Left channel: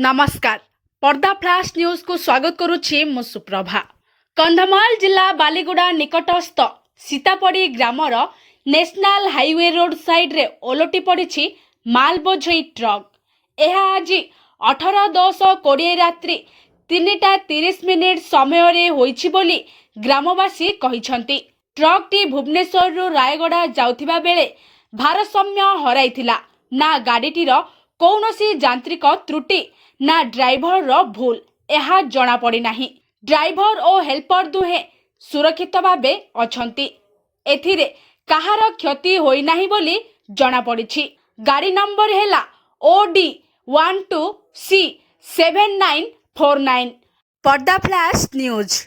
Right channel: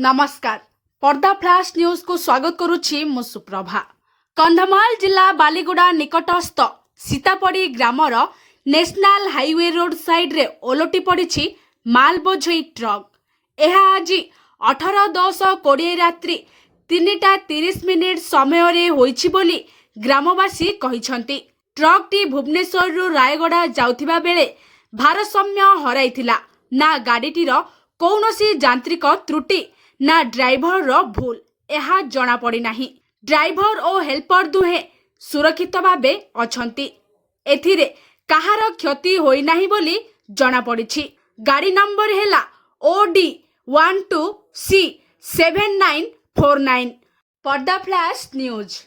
नमस्कार पर्दा flush news को स्वागत करुछि मु सुप्रभा। कंधमाल जिला बालीगुड़ा निकटस्थ सीतापड़ी ग्रामर नेशनल हाईवे रोड साइड रे ओलटी पड़ी माल बोझई ट्रक। यह आज 18:10:20 रात्रि 3:30 समय रे होईछि बोली ग्रामवासी कहिसंती। ट्रक टी भुवनेश्वर रु रायगड़ा जाउथिबा बेले भारसाम्य हराइथिला। ना गाड़ीटीर कौनसी यांत्रिक त्रुटि ना ड्राइवर रो भूल यह जना पड़ी नाही। ड्राइवर और हेल्पर दुहे सुरक्षित भावे अछंती। एथिरे कहार क्षति होई नाही बोली जना पड़िछि। गाड़ी नंबर हैला OD12C7949। पर्दा फ्लाश न्यूज।